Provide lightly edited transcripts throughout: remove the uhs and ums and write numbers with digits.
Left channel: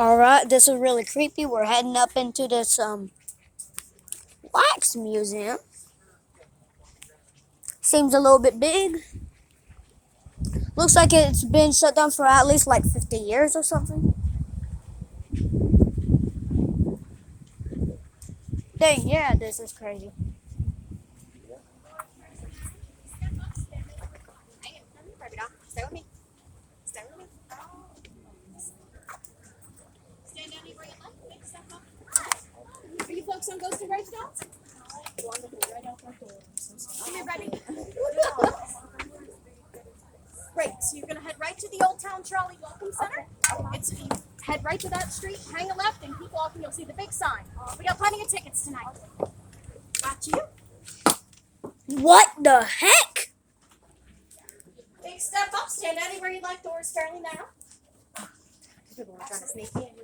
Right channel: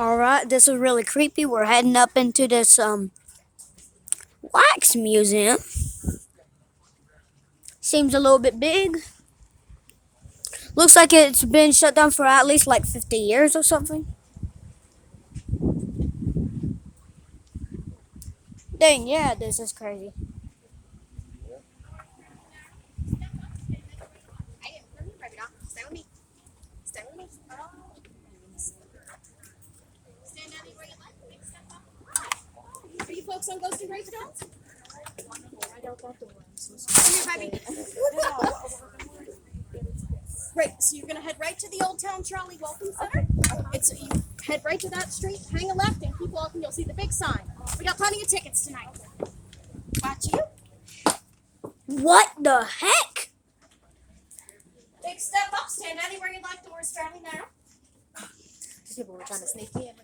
Alright, this is really creepy. We're heading up into this wax museum. Seems a little bit big. Looks like it's been shut down for at least like 50 years or something. Dang, yeah, this is crazy. Stay with me. Stay with me. Stand down where you like. Step up. Are you folks on Ghost and Bright Adults? Wonderful. Right out that door. I'm so sorry. Come here, baby. Great. So you're gonna head right to the Old Town Trolley Welcome Center. You head right to that street, hang a left, and keep walking. You'll see the big sign. We got plenty of tickets tonight. Back to you. What the heck? Big step up. Stand anywhere you like. Doors fairly narrow. People were trying to sneak in.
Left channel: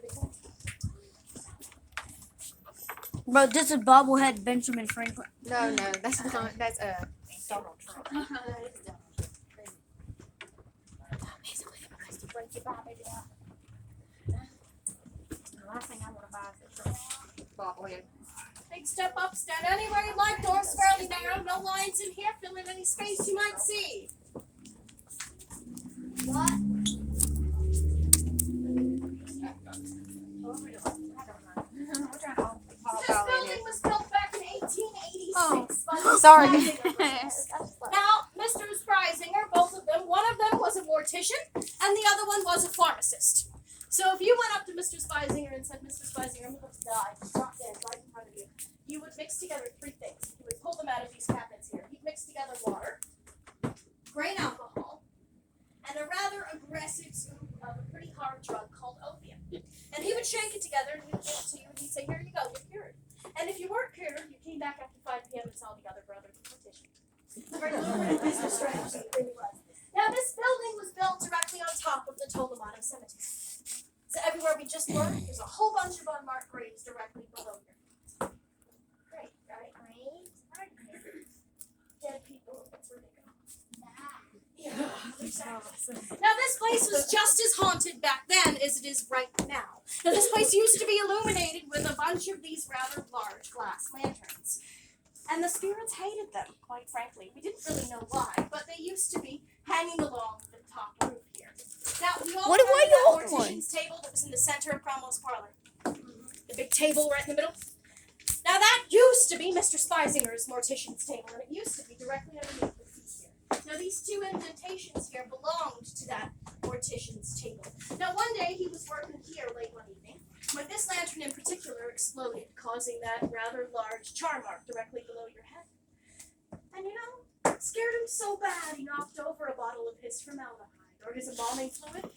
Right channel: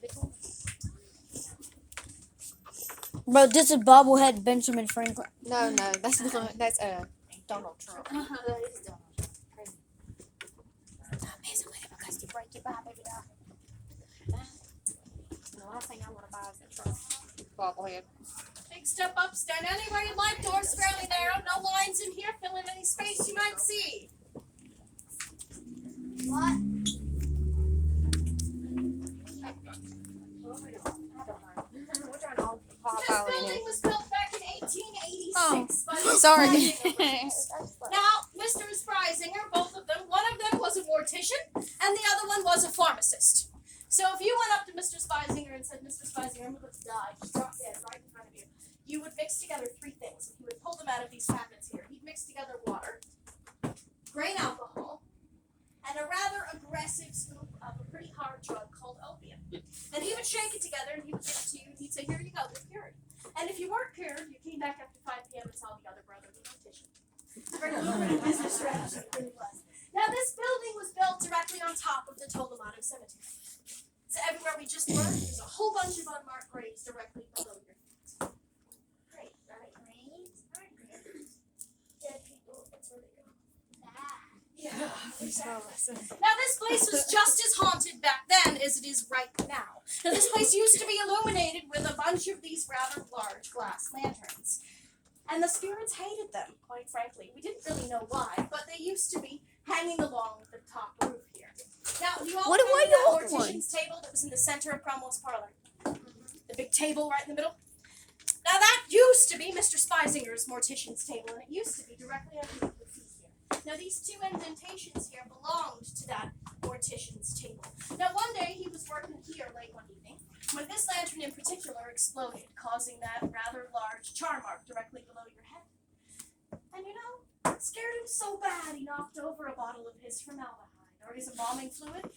Bro, this is bobblehead Benjamin Franklin. No, that's not. That's Donald Trump. The last thing I want to buy is a truck. Bobblehead. Big step up. Stand anywhere you like. Doors fairly narrow. No lines in here. Fill in any space you might see. What? This building was built back in 1886. Oh, sorry. Now, Mr. Spreisinger, both of them, one of them was a mortician, and the other one was a pharmacist. So if you went up to Mr. Spreisinger and said, Mr. Spreisinger, I'm about to die, just drop dead right in front of you, you would mix together three things. You would pull them out of these cabinets here. He'd mix together water, grain alcohol, and a rather aggressive scoop of a pretty hard drug called opium. And he would shake it together and he would give it to you and he'd say, here you go, you're cured. And if you weren't cured, you came back after 5 p.m. and saw the other brother, the mortician. It's a very lucrative business strategy, it really was. Now this building was built directly on top of the Tolomano Cemetery. So everywhere we just were, there's a whole bunch of unmarked graves directly below your feet. Great, right? Dead people, that's where they go. Yeah. Now this place was just as haunted back then as it is right now. Now this place used to be illuminated with a bunch of these rather large glass lanterns. And the spirits hated them, quite frankly. We didn't really know why, but they used to be hanging along the top roof here. Now, you all remember that mortician's table that was in the center of Cromwell's parlor? The big table right in the middle? Now that used to be Mr. Speisinger's mortician's table, and it used to be directly underneath the feet here. Now these two indentations here belonged to that mortician's table. Now one day he was working here late one evening when this lantern in particular exploded, causing that rather large char mark directly below your head. And you know, it scared him so bad he knocked over a bottle of his formaldehyde, or his embalming fluid,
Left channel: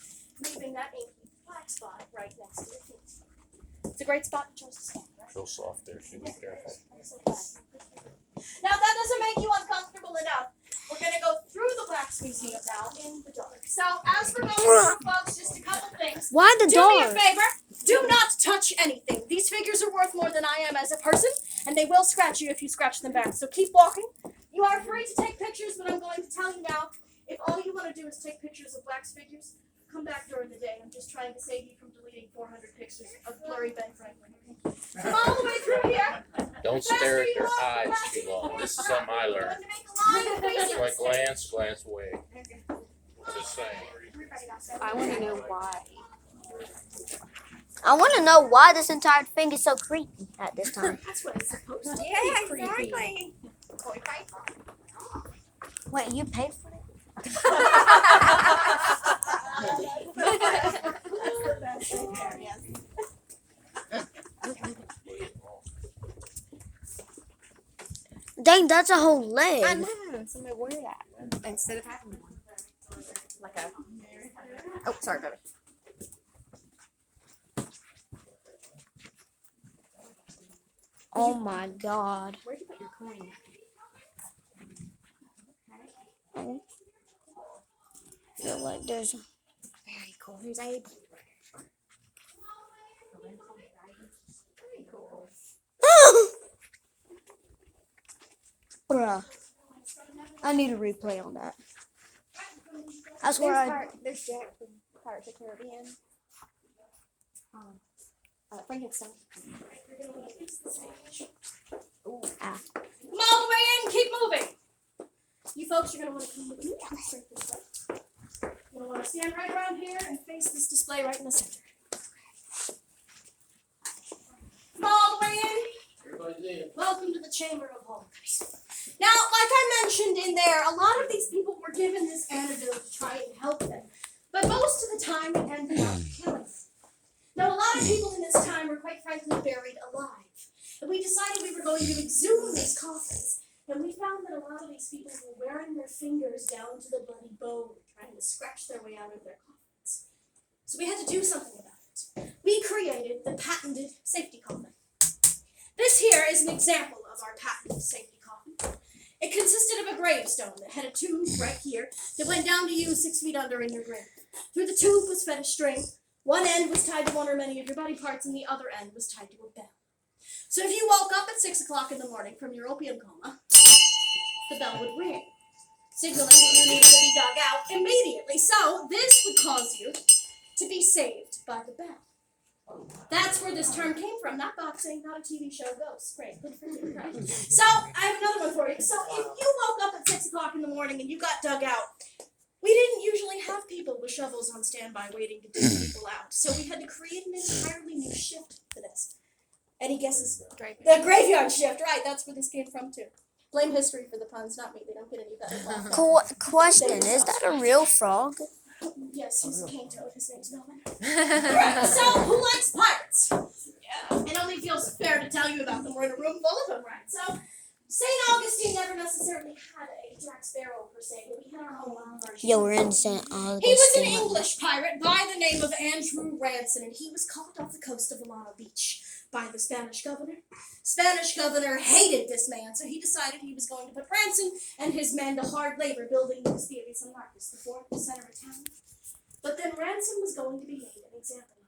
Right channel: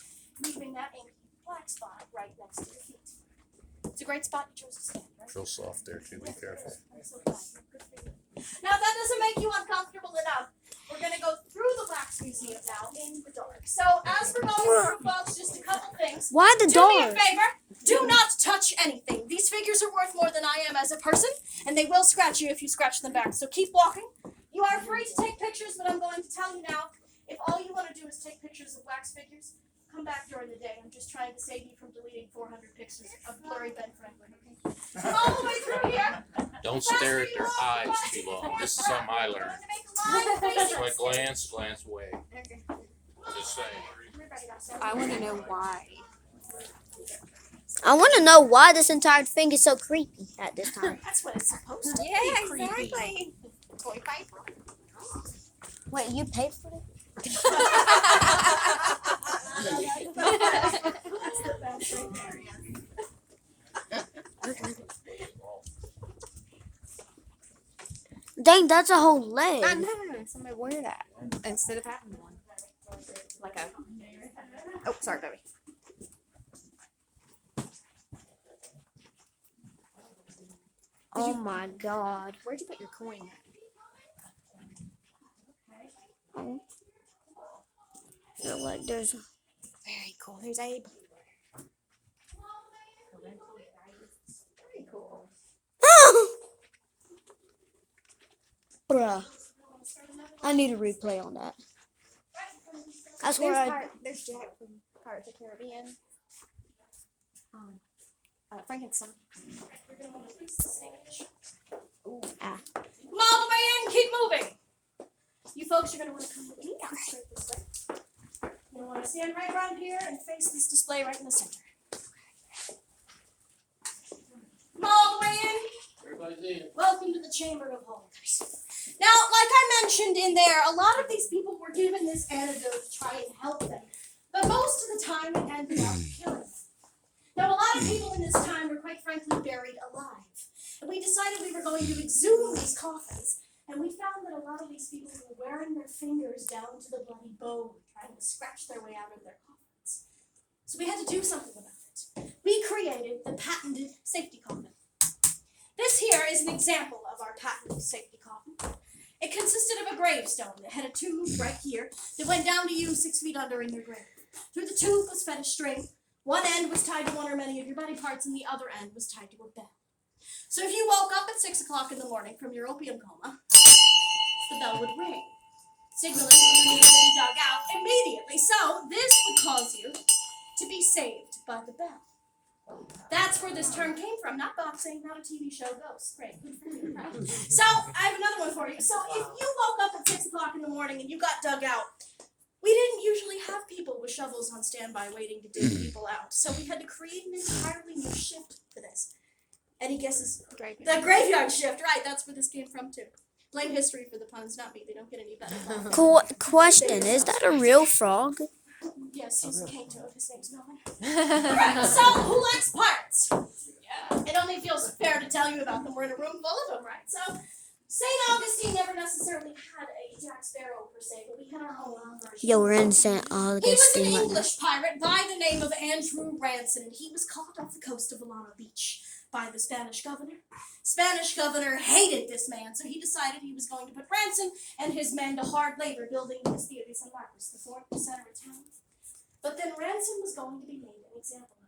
leaving that inky black spot right next to your feet. It's a great spot you chose to stand, right? Real soft there too, be careful. I'm so glad. Good for you. Now that doesn't make you uncomfortable enough. We're going to go through the Wax Museum now in the dark. So as for going through, folks, just a couple things. Why the Do me a dark? favor. Do not touch anything. These figures are worth more than I am as a person, and they will scratch you if you scratch them back. So keep walking. You are free to take pictures, but I'm going to tell you now, if all you want to do is take pictures of wax figures, come back during the day. I'm just trying to save you from deleting 400 pictures of blurry Ben Franklin. Come all the way through here. Don't stare at their eyes too long. This is something I learned. It's like glance away. Just saying. I want to know why. I want to know why this entire thing is so creepy at this time. That's what it's supposed to be. Yeah, Creepy. exactly. Toy paper. Wait, you paid for it? That's the best thing there, yes. Dang, that's a whole I leg. know. Somebody wear that instead of having one. Like a. Oh, sorry, baby. Oh my god. Where'd you put your coin? Oh. Feel like there's. Very cool. Here's Abe. Very cool. Bruh. I need a replay on that. That's where There's Jack from Pirates of the Caribbean. Bring it, son. We're gonna want to fix the stage. Ooh. Ah. Come all the way in. Keep moving. You folks are gonna want to come with me. Come straight this way. You're gonna want to stand right around here and face this display right in the center. Come all the way in. Everybody's in. Welcome to the Chamber of Horrors. Now, like I mentioned in there, a lot of these people were given this antidote to try and help them. But most of the time, it ended up killing them. Now, a lot of people in this time were quite frankly buried alive. And we decided we were going to exhume these coffins. And we found that a lot of these people were wearing their fingers down to the bloody bone, trying to scratch their way out of their coffins. So we had to do something about it. We created the patented safety coffin. This here is an example of our patented safety coffin. It consisted of a gravestone that had a tube right here that went down to you 6 feet under in your grave. Through the tube was fed a string. One end was tied to one or many of your body parts, and the other end was tied to a bell. So if you woke up at 6 o'clock in the morning from your opium coma, the bell would ring, signaling that you needed to be dug out immediately. So this would cause you to be saved by the bell. That's where this term came from, not boxing, not a TV show, ghosts. Great, good for you. Right. So I have another one for you. So if you woke up at 6 o'clock in the morning and you got dug out, we didn't usually have people with shovels on standby waiting to dig people out. So we had to create an entirely new shift for this. Any guesses? The graveyard shift, right, that's where this came from too. Blame history for the puns, not me. They don't get any better. Question, is that a real frog? Yes, he's a cane toad. His name's Melvin. Alright, so who likes pirates? Yeah. It only feels fair to tell you about them. We're in a room full of them, right? So, St. Augustine never necessarily had a Jack Sparrow per se, but we had our own version. Yeah, we're in St. Augustine. He was an English pirate by the name of Andrew Ransom, and he was caught off the coast of Alana Beach by the Spanish governor. Spanish governor hated this man, so he decided he was going to put Ransom and his men to hard labor building the Castillo de San Marcos, the fort, the center of town. But then Ransom was going to be made an example of.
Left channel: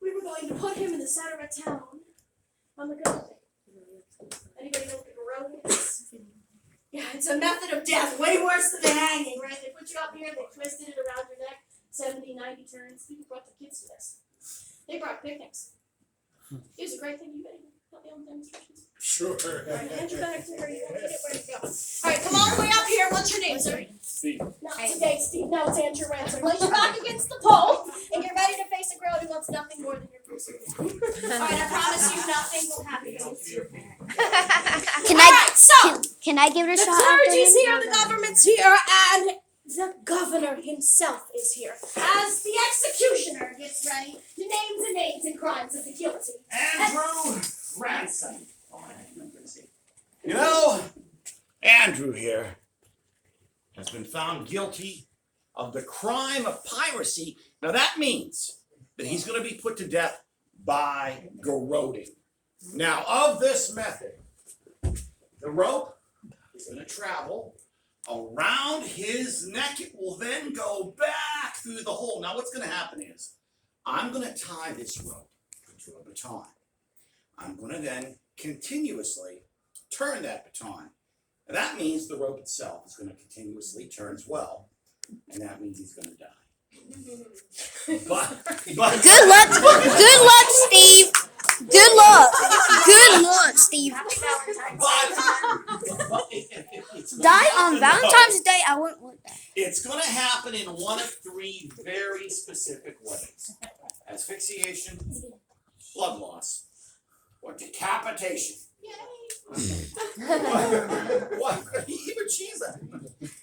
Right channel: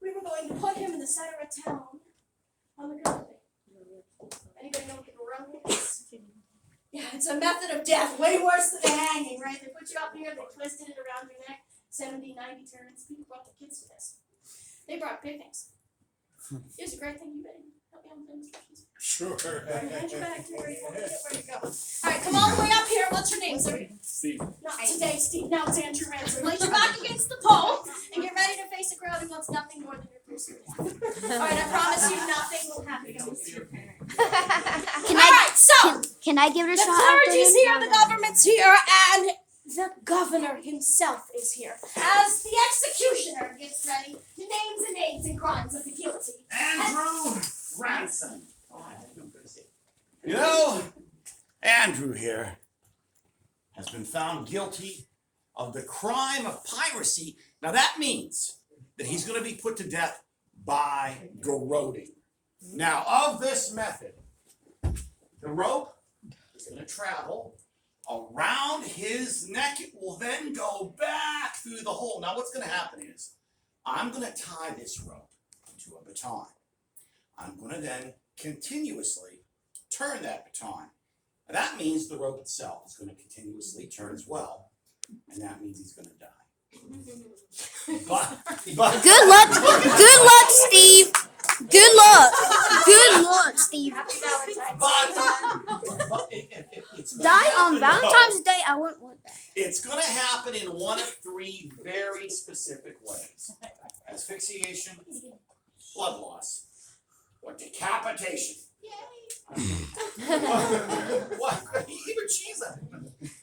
We were going to put him in the center of town on the garrote. Anybody know what the garrote is? Yeah, it's a method of death, way worse than the hanging, right? They put you up here, they twisted it around your neck, 70, 90 turns. People brought their kids to this. They brought picnics. It was a great thing. You better help me on the demonstrations. Sure. Hand your back to where you want to get where you go. All right, come all the way up here. What's your name, sir? Steve. Not today, Steve. No, it's Andrew Ransom. Place your back against the pole, and you're ready to face a crowd who wants nothing more than your person. All right, I promise you nothing will happen against your parents. Can All right, so can I give it a the shot? after clergy's this? here, the government's here, and the governor himself is here. As the executioner gets ready to name the names and crimes of the guilty. Andrew Ransom. You know, Andrew here has been found guilty of the crime of piracy. Now that means that he's going to be put to death by garroting. Now, of this method, the rope is going to travel around his neck. It will then go back through the hole. Now, what's going to happen is I'm going to tie this rope to a baton. I'm going to then continuously turn that baton. Now, that means the rope itself is going to continuously turn as well, and that means he's going to die. But Good luck. Good luck, Steve. Good luck. Good luck, Steve. but it's gonna Die happen, on Valentine's Day. I wouldn't want that. It's going to happen in one of three very specific ways: asphyxiation, blood loss, or decapitation. What? Even cheese.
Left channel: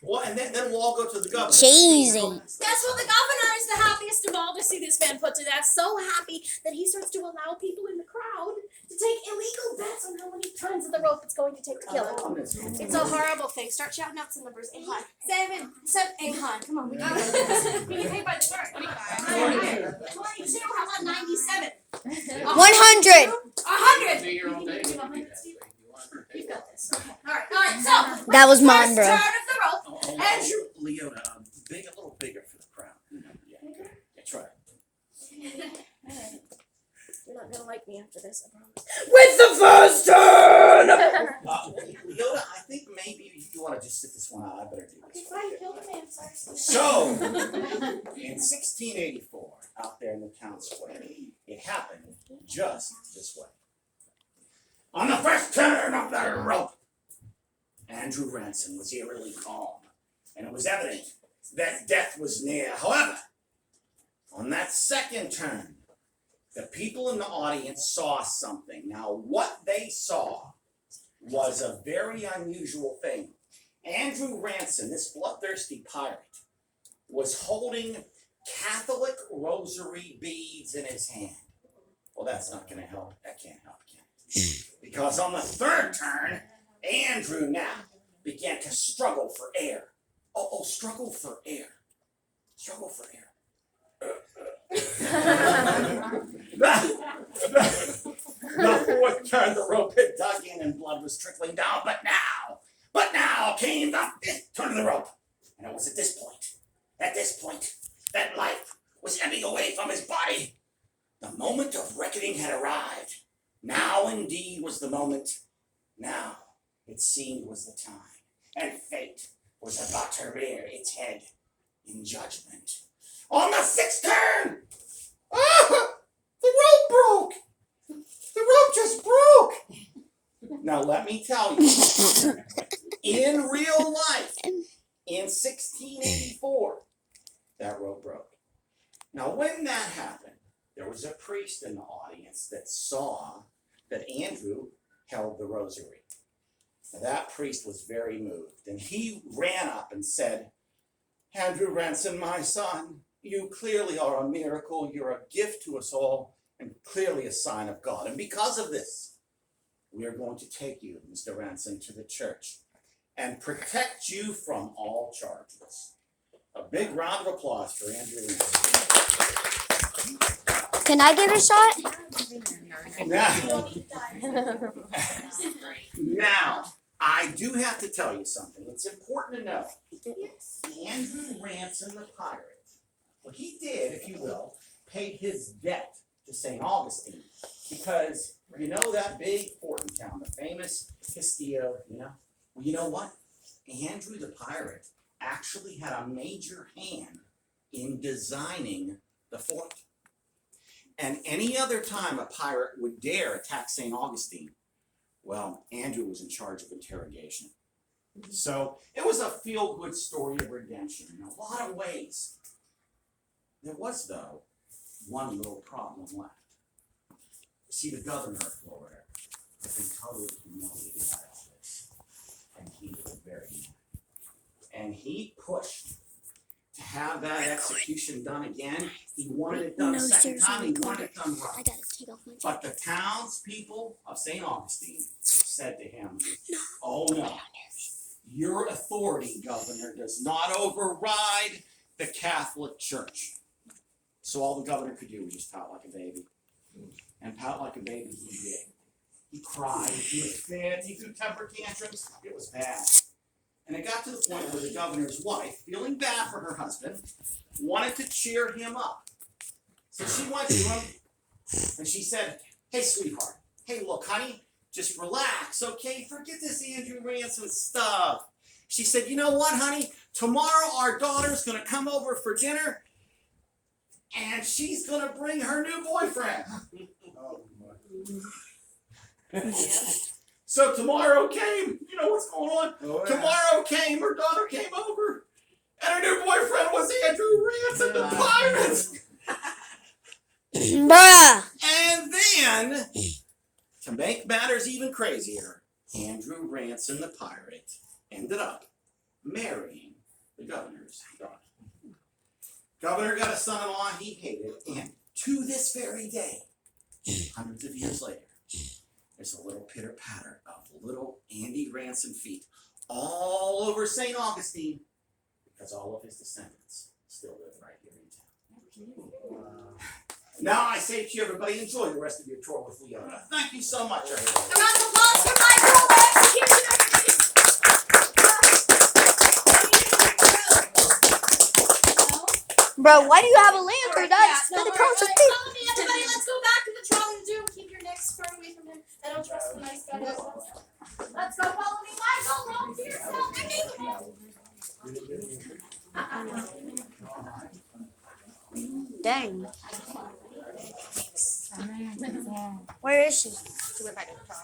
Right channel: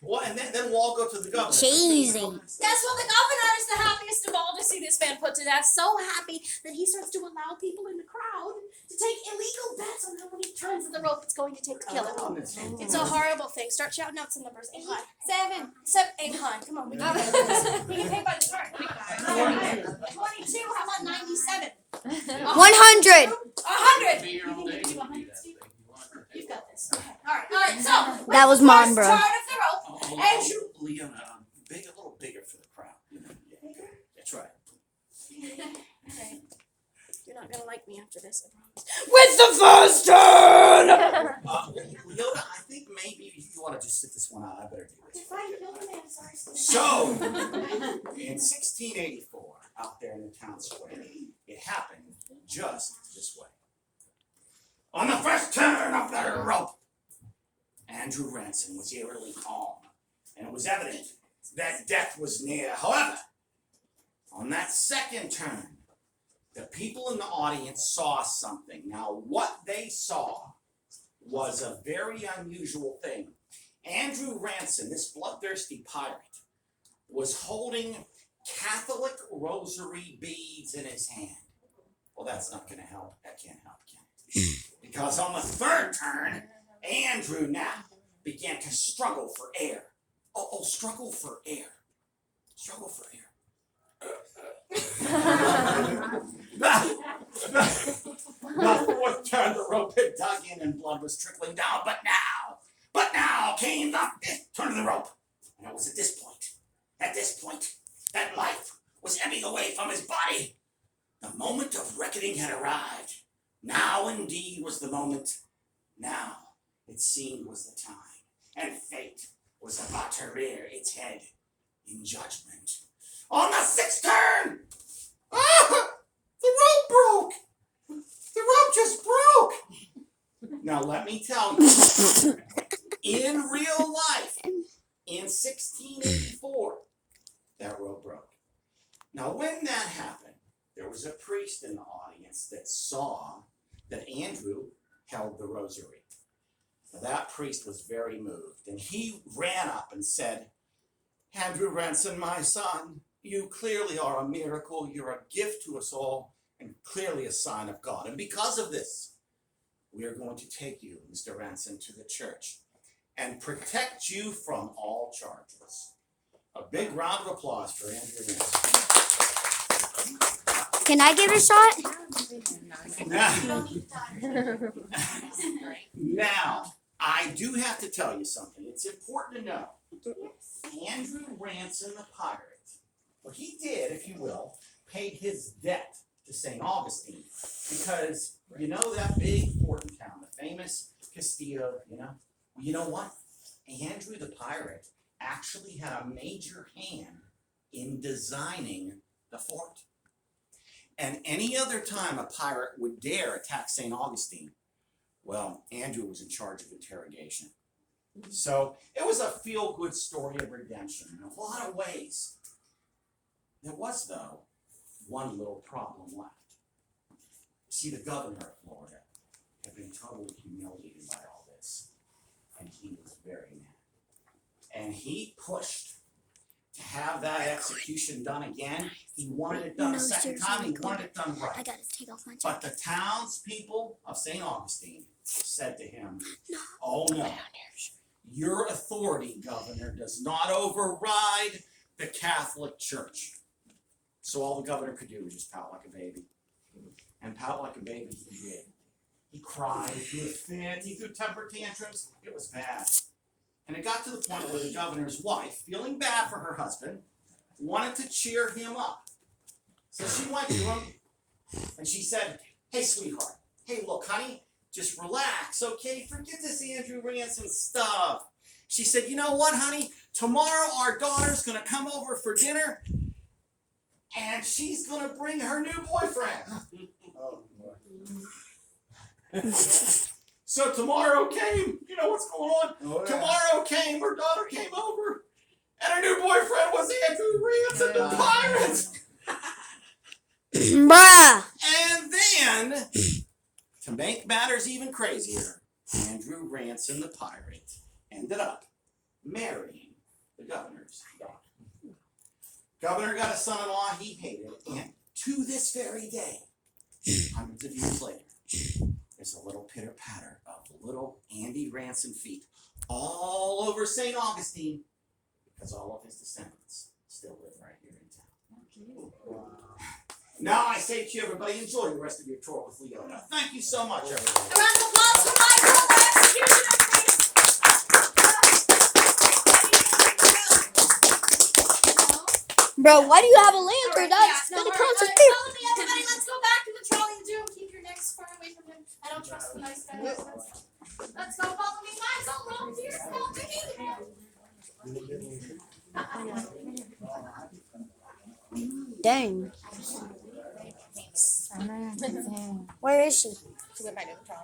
Well, and then we'll all go to the governor. Cheesy. Guess what? The governor is the happiest of all to see this man put to death. So happy that he starts to allow people in the crowd to take illegal bets on how many turns of the rope it's going to take to kill him. It's a horrible thing. Start shouting out some numbers. 8 high. 7. 8 high. Come on. We can do this. We can pay by the turn. 25. 22. How about 97? 100. 100. Be here all day. You've got this. Okay. All right. So That was mine, bro. turn of the rope. Andrew. Leona, a little bigger for the crowd. Yeah, that's right. Alright. You're not gonna like me after this, I promise. With the first turn! Leona, I think maybe you want to just sit this one out. I better do this. You're fine, kill the man, sorry. So, in 1684, out there in the town square, it happened just this way. On the first turn of the rope, Andrew Ransom was eerily calm, and it was evident that death was near. However, on that second turn, the people in the audience saw something. Now, what they saw was a very unusual thing. Andrew Ransom, this bloodthirsty pirate, was holding Catholic rosary beads in his hand. Well, that's not going to help. That can't help, can it? Because on the third turn, Andrew now began to struggle for air. Struggle for air. Struggle for air. The fourth turn, the rope had dug in and blood was trickling down. But now came the fifth turn of the rope. And it was at this point, that life was ebbing away from his body. The moment of reckoning had arrived. Now indeed was the moment. Now it seemed was the time. And fate was about to rear its head in judgment. On the sixth turn! The rope broke! The rope just broke! Now let me tell you, in real life, in 1684, that rope broke. Now when that happened, there was a priest in the audience that saw that Andrew held the rosary. Now, that priest was very moved, and he ran up and said, Andrew Ransom, my son, you clearly are a miracle. You're a gift to us all, and clearly a sign of God. And because of this, we are going to take you, Mr. Ransom, to the church and protect you from all charges. A big round of applause for Andrew Ransom. Can I give it a shot? Now, I do have to tell you something. It's important to know. Andrew Ransom the pirate, well, he did, if you will, paid his debt to St. Augustine. Because you know that big fort in town, the famous Castillo, you know? Well, you know what? Andrew the pirate actually had a major hand in designing the fort. And any other time a pirate would dare attack St. Augustine, well, Andrew was in charge of interrogation. So it was a feel-good story of redemption in a lot of ways. There was, though, one little problem left. You see, the governor of Florida had been totally humiliated by all this, and he was very mad. And he pushed to have that execution done again. He wanted it done a second time. He wanted it done right. I gotta take off my But the townspeople of St. Augustine said to him, oh no, your authority, governor, does not override the Catholic Church. So all the governor could do was just pout like a baby. And pout like a baby he did. He cried, he was fit, he threw temper tantrums. It was bad. And it got to the point where the governor's wife, feeling bad for her husband, wanted to cheer him up. So she went to him and she said, hey, sweetheart, hey, look, honey, just relax, okay? Forget this Andrew Ransom stuff. She said, you know what, honey? Tomorrow our daughter's going to come over for dinner and she's going to bring her new boyfriend. Oh, boy. So tomorrow came, you know what's going on? Oh, yeah. Tomorrow came, her daughter came over, and her new boyfriend was Andrew Ransom the pirate. Bruh. And then, to make matters even crazier, Andrew Ransom the pirate ended up marrying the governor's daughter. Governor got a son-in-law he hated, and to this very day, hundreds of years later, there's a little pitter-patter of little Andy Ransom feet all over St. Augustine because all of his descendants still live right here in town. Wow. Now I say to you, everybody, enjoy the rest of your tour with Leona. Thank you so much, everybody. A round of applause for Michael, the executioner, Bro, why do you have a lantern? That's no, gonna all cause a right, thing. follow me, everybody. Let's go back to the trolley and do. Keep your necks far away from him. I don't trust the nice guys. Let's go. Follow me, Michael. Roll to yourself. Dang. Where is she? She went back to the car.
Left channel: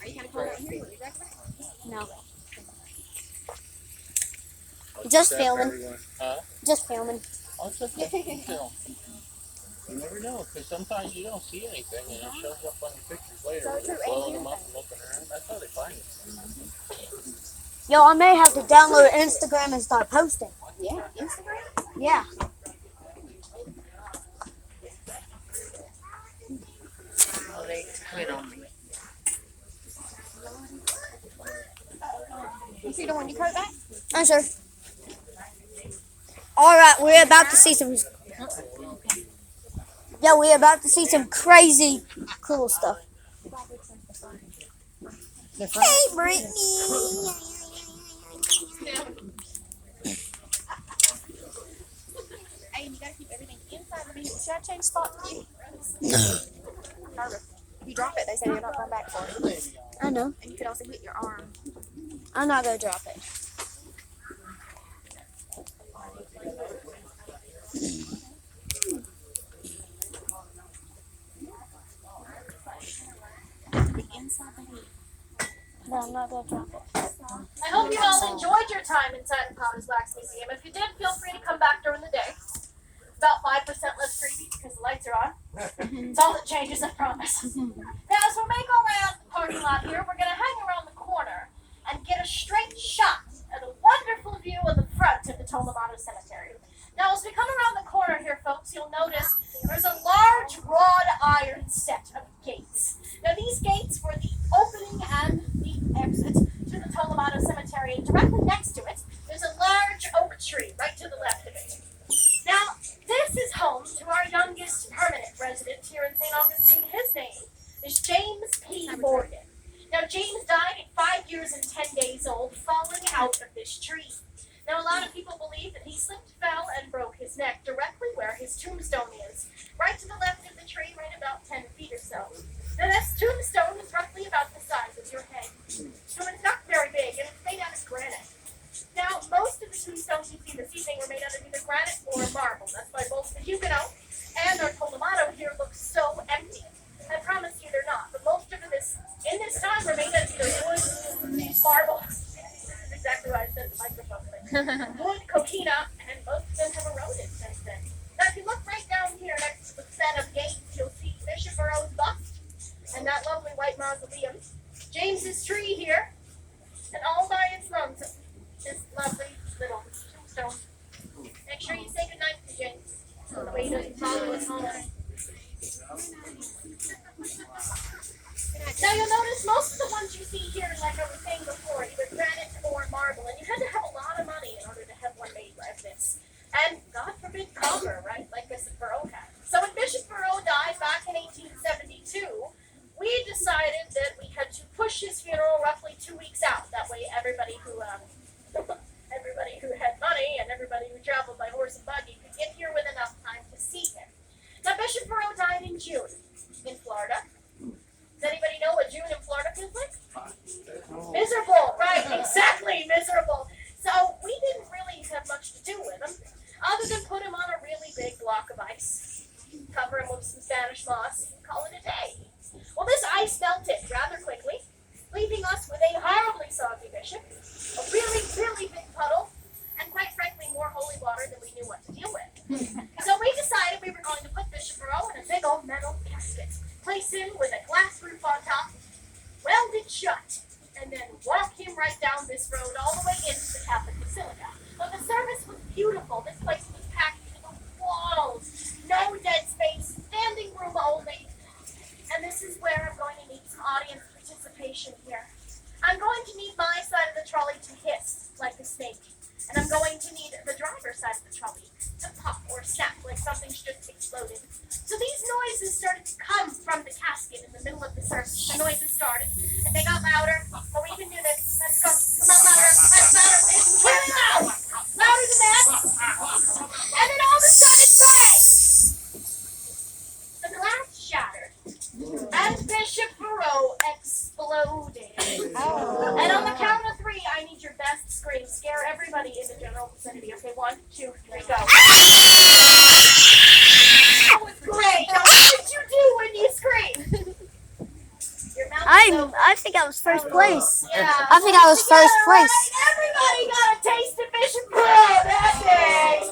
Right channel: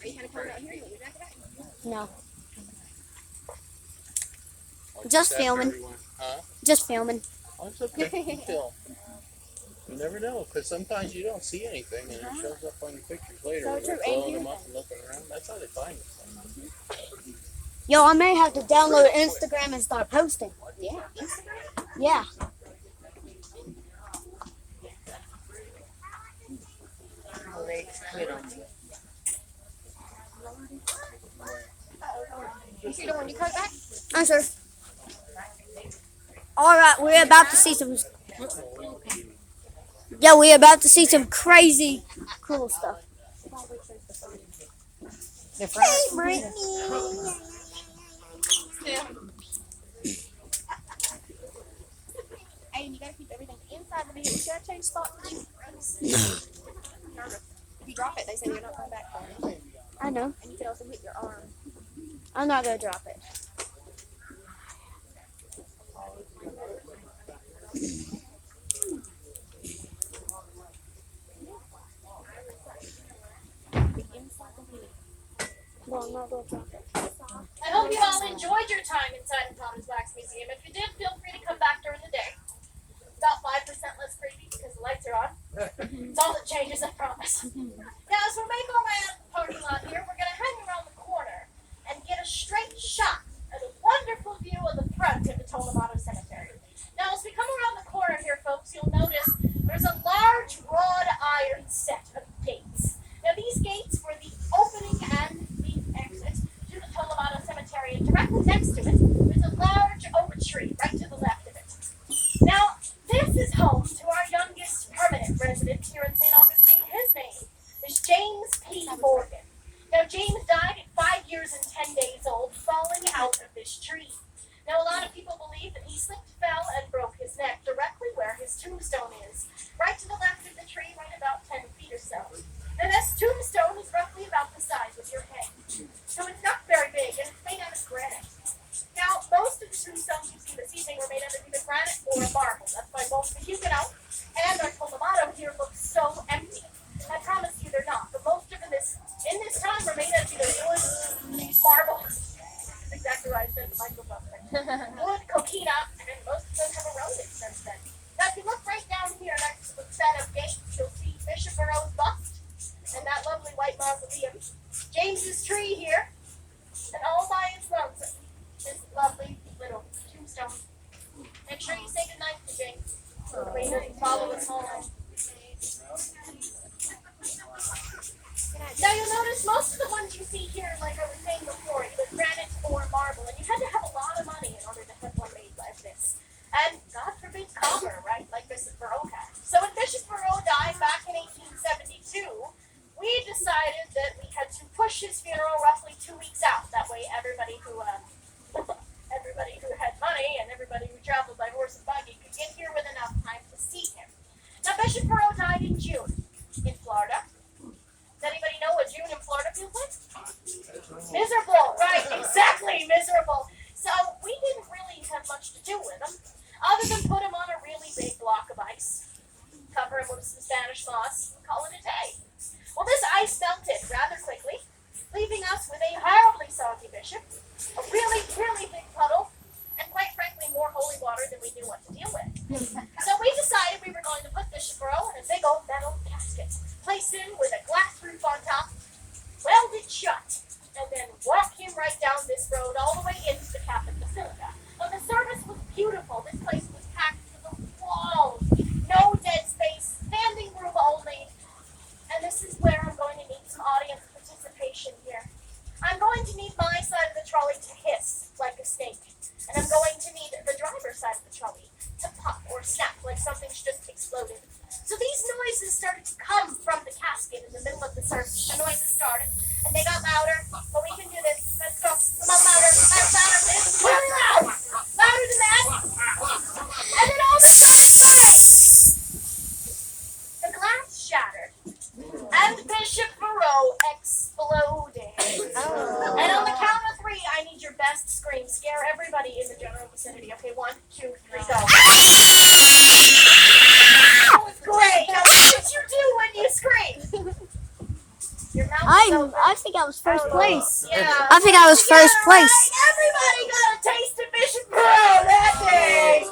Are you kind of cold out here? You want your jacket back? No. Just filming. Huh? Just filming. Oh, it's okay. Still. You never know, because sometimes you don't see anything and it shows up on your pictures later. So When true, you're and blowing you- them up and looking around. That's how they find it. Yo, I may have to download Instagram and start posting. Yeah, Instagram. Yeah. Oh, they quit on me. You see the one you cut back? I'm sure. Alright, we're about to see some. Yeah, we're about to see some crazy cool stuff. The front. Hey, Brittany. Hey, you gotta keep everything inside the vehicle. Should I change spots for you? Nervous. If you drop it, they say you're not coming back for it. I know. And you could also hit your arm. I'm not gonna drop it. The inside the head. No, I'm not gonna drop it. I hope you all enjoyed your time inside the Potter's Wax Museum. If you did, feel free to come back during the day. It's about 5% less creepy because the lights are on. It's all that changes, I promise. Now, as we make our way out the parking lot here, we're going to hang around the corner and get a straight shot at a wonderful view of the front of the Tolamato Cemetery. Now, as we come around the corner here, folks, you'll notice there's a large wrought iron set of gates. Now, these gates were the opening and the exit to the Tolamato Cemetery, and directly next to it, there's a large oak tree right to the left of it. Now, this is home to our youngest permanent resident here in St. Augustine. His name is James P. Morgan. Now, James died at 5 years and 10 days old, falling out of this tree. Now, a lot of people believe that he slipped, fell, and broke his neck directly where his tombstone is, right to the left of the tree, right about 10 feet or so. Now, this tombstone is roughly about the size of your head. So it's not very big, and it's made out of granite. Now, most of the tombstones you see this evening were made out of either granite or marble. That's why both the Huguenot and our Tolamato here look so empty. I promise you they're not, but most of them in this time were made out of either wood, marble. That's exactly what I said in the microphone thing. Wood, coquina, and most of them have eroded since then. Now, if you look right down here next to the set of gates, you'll see Bishop Burroughs' bust and that lovely white mausoleum. James's tree here, and all by its lungs, this lovely little tombstone. Make sure you say goodnight to James, so that he doesn't follow us home. Now you'll notice most of the ones you see here, like I was saying before, either granite or marble, and you had to have a lot of money in order to have one made like this. And God forbid copper, right, like Bishop Burrough had. So when Bishop Burrough died back in 1872, we decided that we had to push his funeral roughly 2 weeks out. That way everybody who had money and everybody who traveled by horse and buggy could get here with enough time to see him. Now Bishop Burrough died in June in Florida. Does anybody know what June in Florida feels like? Miserable, right, exactly, miserable. So we didn't really have much to do with him, other than put him on a really big block of ice, cover him with some Spanish moss, and call it a day. Well, this ice melted rather quickly, leaving us with a horribly soggy bishop, a really, really big puddle, and quite frankly, more holy water than we knew what to deal with. So we decided we were going to put Bishop Burrough in a big old metal casket, place him with a glass roof on top, welded shut, and then walk him right down this road all the way into the Catholic Basilica. But the service was beautiful. This place was packed to the walls, no dead space, standing room only. And this is where I'm going to need some audience participation here. I'm going to need my side of the trolley to hiss like a snake. And I'm going to need the driver's side of the trolley to pop or snap like something's just exploded. So these noises started to come from the casket in the middle of the service. The noises started, and they got louder. But we can do this. Let's go. Come on, louder. That's louder. It's really loud. Louder than that. And then all of a sudden, bang! I think I was first place. Yeah. I think I was first place. Everybody got a taste of Bishop Burrow that day.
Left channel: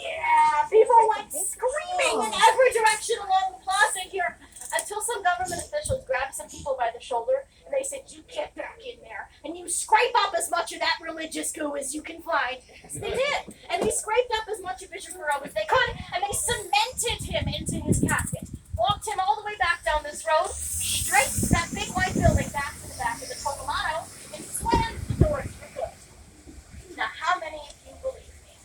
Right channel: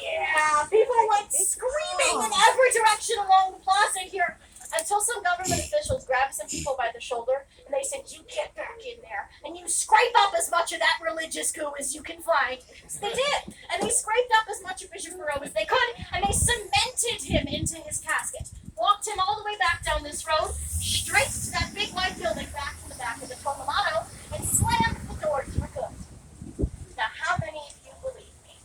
Yeah, people went screaming in every direction along the plaza here until some government officials grabbed some people by the shoulder and they said, "You get back in there and you scrape up as much of that religious goo as you can find." So they did, and they scraped up as much of Bishop Burrow as they could, and they cemented him into his casket, walked him all the way back down this road, straight to that big white building back to the back of the Tolomano, and slammed the doors for good. Now, how many of you believe me?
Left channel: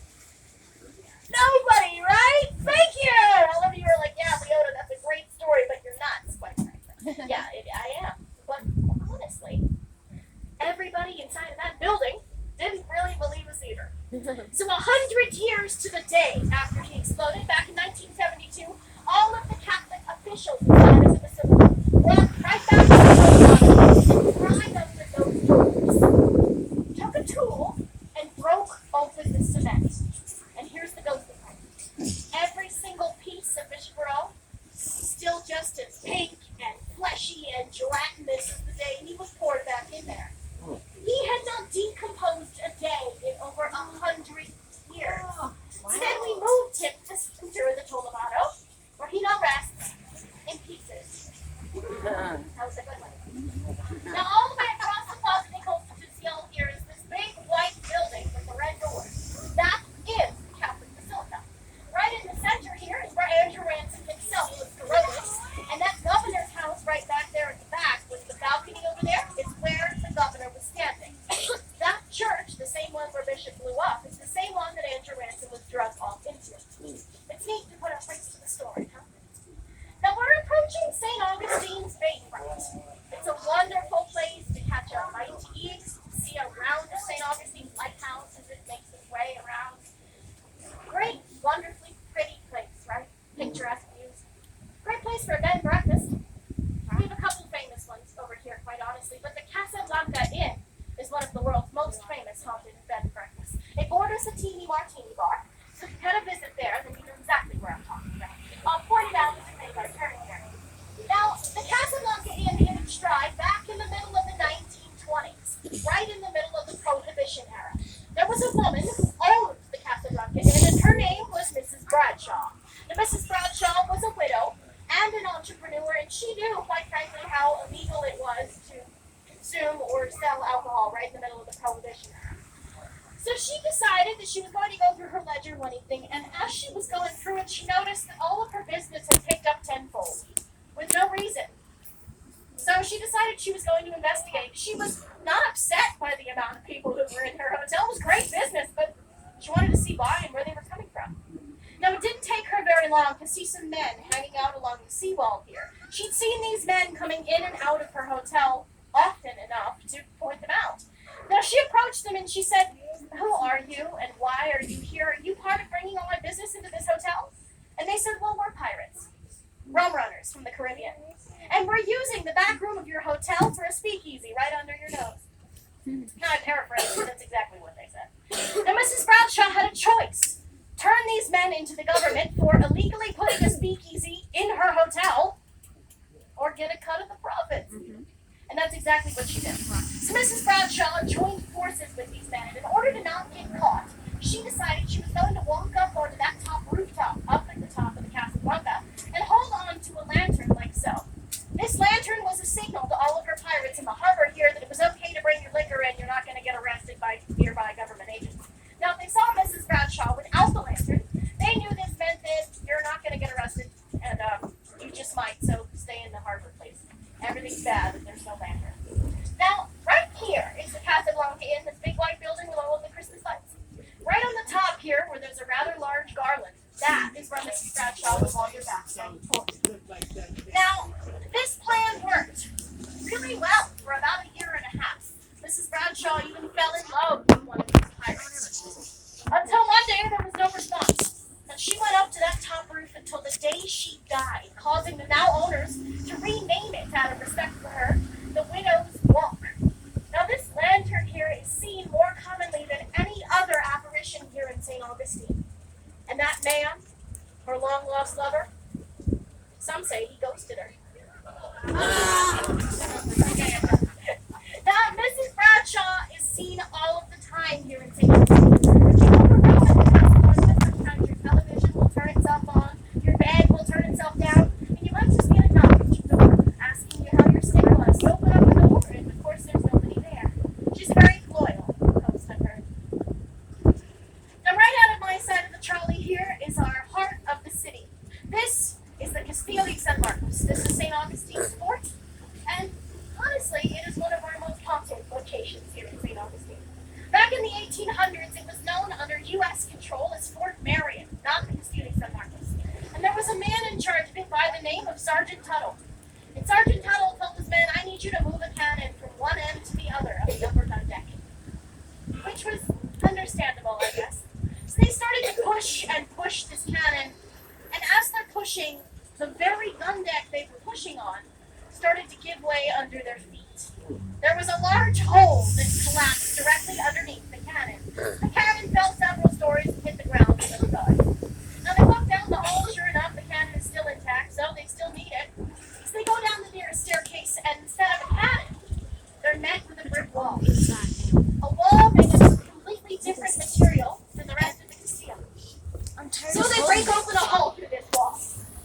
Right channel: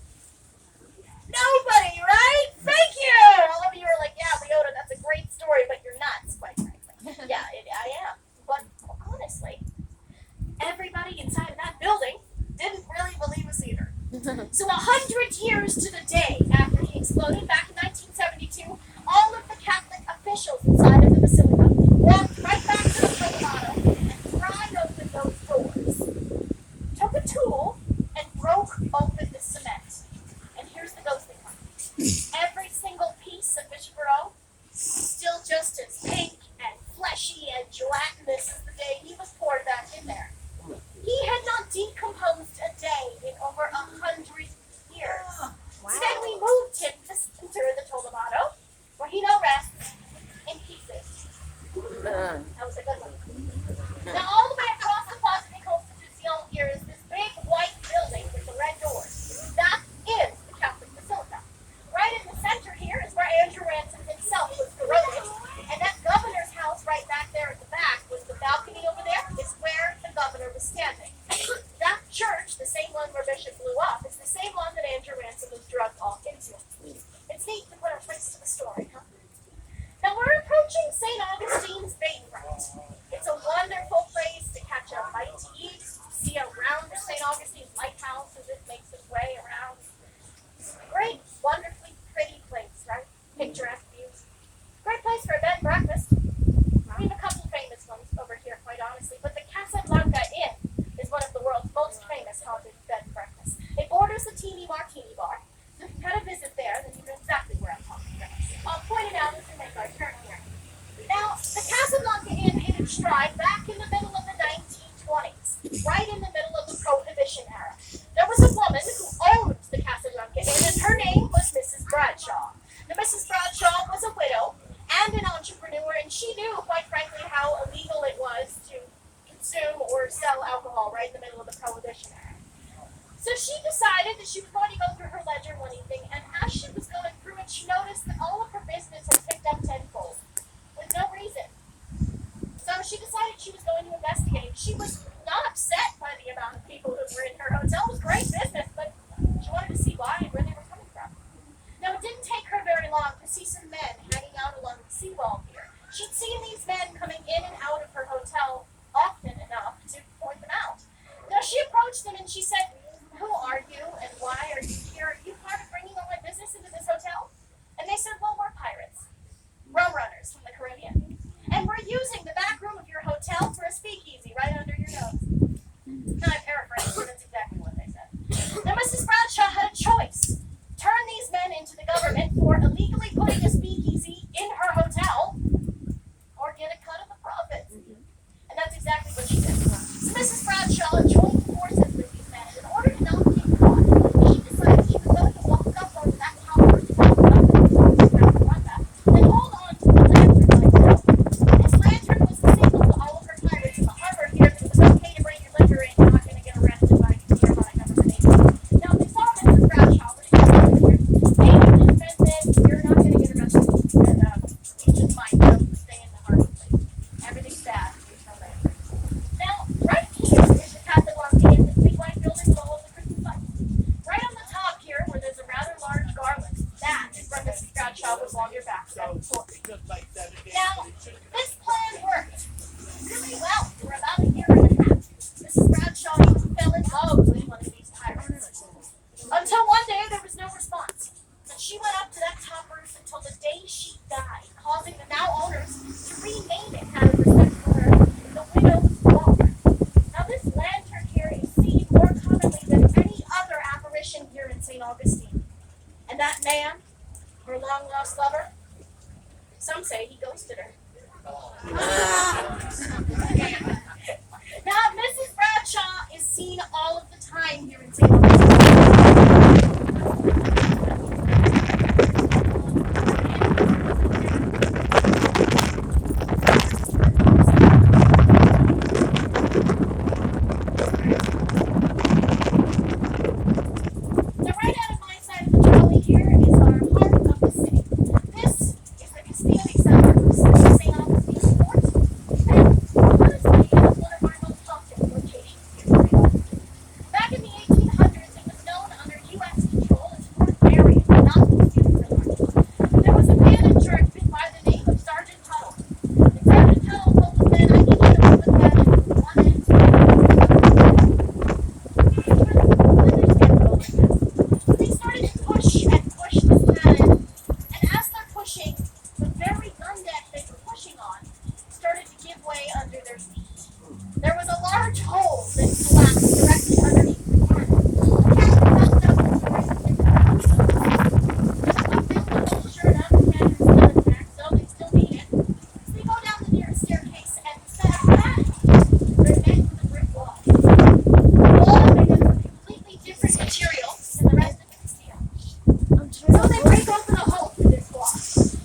Nobody, right? Thank you! All of you are like, "Yeah, Leota, that's a great story, but you're nuts," quite frankly. Yeah, I am. But honestly, everybody inside of that building didn't really believe us either. So 100 years to the day after he exploded, back in 1972, all of the Catholic officials inside of the basilica walked right back to the Colorado and pried open those doors, took a tool, and broke open the cement. And here's the ghostly part. Every single piece of Bishop Burrow still just as pink and fleshy and gelatinous as the day he was poured back in there. He had not decomposed a day in over 100 years. So then we moved him to the center of the Tolomado, where he now rests in pieces. That was a good one. Now all the way across the Plaza de Constitucion here is this big white building with the red doors. That is the Catholic Basilica. Right in the center here is where Andrew Ransom himself was corroded, and that governor's house right back there at the back with the balcony over there is where the governor was standing. That church, the same one where Bishop blew up, is the same one that Andrew Ransom was drugged off into. It's neat to put a face to the story, huh? Now we're approaching St. Augustine's Bay Front. It's a wonderful place to catch a bite to eat, see around the St. Augustine's lighthouse as it makes its way around. Great, wonderfully pretty place, right? Picturesque views. Great place for a bed and breakfast. We have a couple famous ones over here, quite honestly, but the Casablanca Inn is one of the world's most famous haunted bed and breakfasts. It borders the Teeny Martini Bar, so if you had a visit there, then you know exactly where I'm talking about. I'll point it out as we make our turn here. Now, the Casablanca Inn hit its stride back in the middle of the 1920s, right in the middle of the Prohibition era. There was a woman who owned the Casablanca Inn, and her name was Mrs. Bradshaw. Now, Mrs. Bradshaw was a widow and an entrepreneur, and she knew, quite frankly, how illegal it was to consume or sell alcohol right in the middle of the Prohibition era. So she decided that she was going to go through her ledger one evening, and as she was going through it, she noticed that all of her business had picked up tenfold, with no reason. So she decided she was going to investigate. She was not upset by the amount of people who were in her hotel. It was great business, but she wanted to see why and where they were coming from. Now, it didn't take her very long to see some men hanging out along the seawall here. She'd seen these men coming in and out of her hotel often enough to point them out. Now, she approached them and she said, "Who are you and why are you here? Are you part of bringing all my business into this hotel?" And they said, "Well, we're pirates, rum runners from the Caribbean, and we're using the back room of your hotel for a speakeasy right under your nose." Now, I paraphrase, but that's exactly what they said. Now, Mrs. Bradshaw had a choice. Turn these men into the government for illegally putting a speakeasy in her hotel, or get a cut of the profits. And that's exactly what she did. So Mrs. Bradshaw joined forces with these men, and in order to not get caught, she decided she was going to walk up onto that top rooftop up at the top of the Casablanca and hold on to a lantern like so. This lantern was a signal to all of her pirates in the harbor here that it was okay to bring your liquor in. You're not going to get arrested by nearby government agents. Now, if they saw Mrs. Bradshaw without the lantern, they knew this meant that you're not going to get arrested, and you just might stay in the harbor, please. Everything's bad if there's no lantern. Now, right here is the Casablanca Inn, this big white building with all of the Christmas lights. Right on the top here, where there's a rather large garland, that is where Mrs. Bradshaw would wander back to that port. Now, this plan worked really well for about a year and a half. Mrs. Bradshaw even fell in love with one of these pirates. Until one day, there was no response. And she went up to that top roof until the day she died, causing the now owners to rename it out of respect for her, the Widow's Walk. Now, this lantern here is seen more commonly than any other apparition here in St. Augustine. And that man, her long-lost lover, some say he ghosted her. Now, Mrs. Bradshaw is seen all of the time here in St. Turn itself on, the bed will turn itself down. She's very loyal. Now, right out of my side of the trolley here is our heart of the city. This is the Castillo de San Marcos. This is St. Augustine's Fort, and honestly, it is one of our most popular locations here in St. Augustine. Back in the 1800s, it was known under U.S. control as Fort Marion, not the Castillo de San Marcos. And there was a man in charge of it by the name of Sergeant Tuttle. And Sergeant Tuttle told this man, I need you to move the cannon from one end to the other which was understandable, I guess. So they started to push and push this cannon, and as they're pushing, the very gun deck they were pushing on started to give way under their feet. There was a large hole that collapsed directly underneath the cannon. The cannon fell several stories and hit the ground and fell. Now they walk down the hole, sure enough, the cannon is still intact, so they still need it. So they go down the nearest staircase, and instead of that, they're met with a brick wall. The wall made of completely different material than the rest of the Castillo. So they break open a hole through this wall.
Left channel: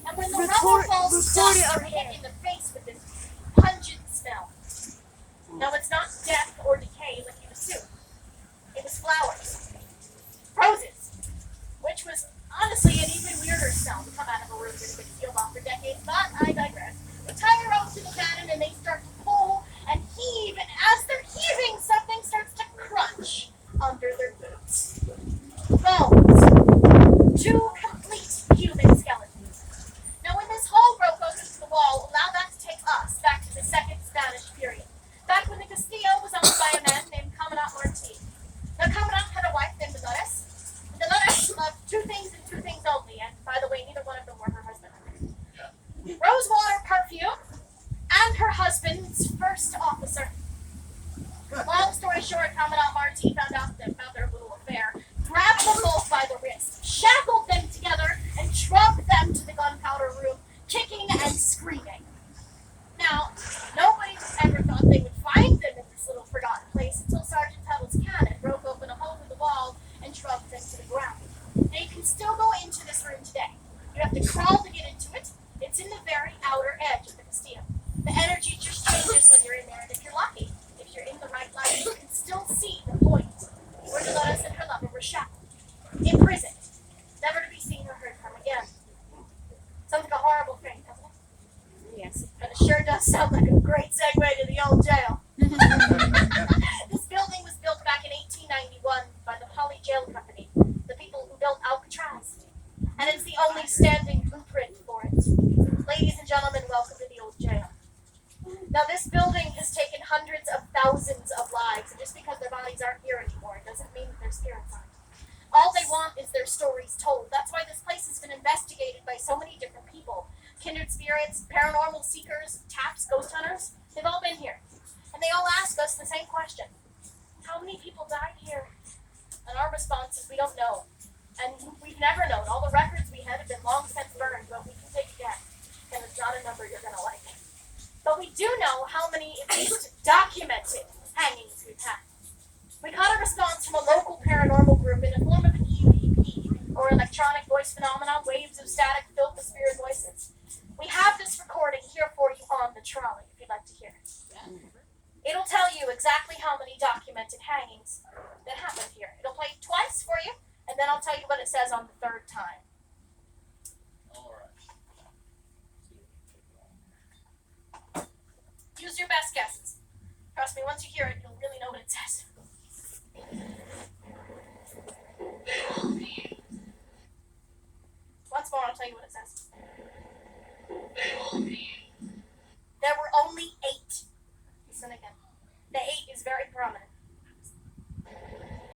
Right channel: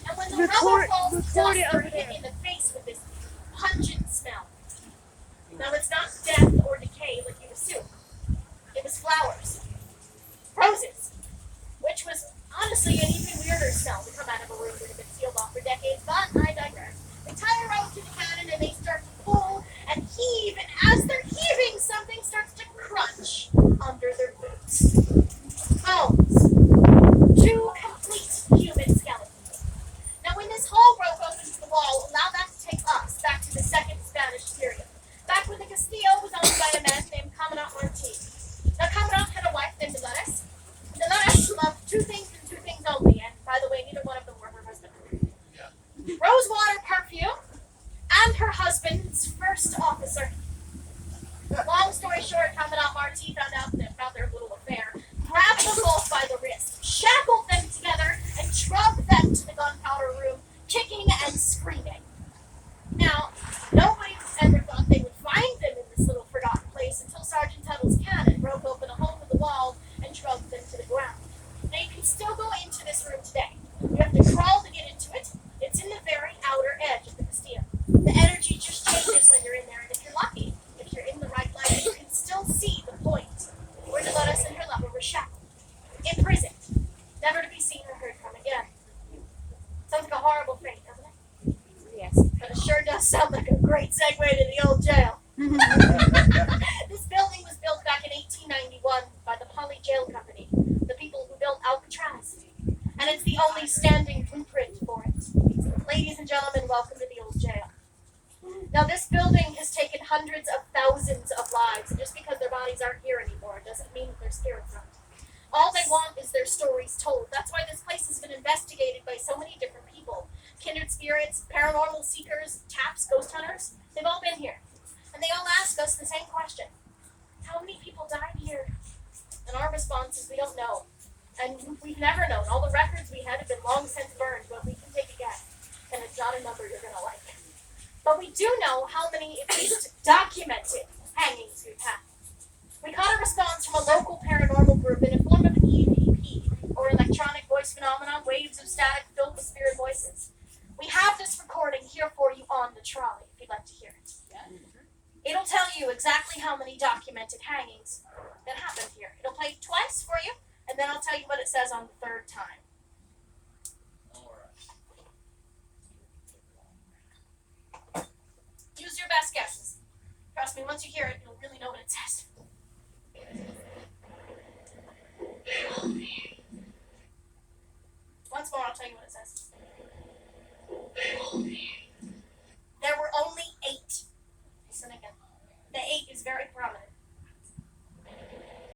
And when the rubble falls, dust are hit in the face with this pungent smell. Now it's not death or decay like you assume. It was flowers. Roses. Which was honestly an even weirder smell to come out of a room that had been sealed off for decades, but I digress. They tie a rope to the cannon and they start to pull and heave, and as they're heaving, something starts to crunch under their boots. Bones. 2 complete human skeletons. Now, when this hole broke open to the wall, allow that to take us back to the second Spanish period. Back when the Castillo was owned by a man named Commandant Martin. Now, Commandant had a wife named Dolores. And Dolores loved 2 things and 2 things only, and by the way, neither one of them were her husband. Rosewater perfume and her husband's first officer. Long story short, Commandant Martin found out about their little affair, grabbed them both by the wrist, shackled them together, and drugged them to the gunpowder room, kicking and screaming. Now, nobody ever thought they would find them in this little forgotten place until Sergeant Tuttle's cannon broke open a hole in the wall and drugged them to the ground. Now, you can still go into this room today. You have to crawl to get into it. It's in the very outer edge of the Castillo. The energy just changes when you're in there, and if you're lucky, if you're in the right light, you can still see the point where Dolores and her lover were shackled, imprisoned, never to be seen or heard from again. Sounds like a horrible fate, doesn't it? Yes. But it sure does sound like a great segue to the old jail. This building was built back in 1891 by the Poly Jail Company, the people who built Alcatraz. And it's the only standing blueprint for it. Ladies and gentlemen, welcome to the old jail. Now, this building has taken hundreds of thousands of lives, and just because their bodies aren't here anymore doesn't mean that their spirits aren't. All they want is their stories told. That's why this place has been investigated by so many different people. Kindred spirits, paranormal seekers, taps, ghost hunters, they've all been here. And they all ask us the same question. How many people died here? And our response is we don't know. And we've never known. All the records we had have been long since burned, but we can take a guess. And it's not a number you're going to like. But we do know how many, at least, documented hangings we've had. We got a response from a local paranormal group in the form of an EVP, or electronic voice phenomenon, waves of static filled with spirit voices. We have this recording here for you on the trolley, if you'd like to hear it. It'll tell you exactly how many documented hangings that happened here. It'll play twice for you, and then I'll tell you what it says on the 3rd time. Use your best guesses. Trust me, once you hear it, you'll really know what it says. Once more, I'll tell you what it says.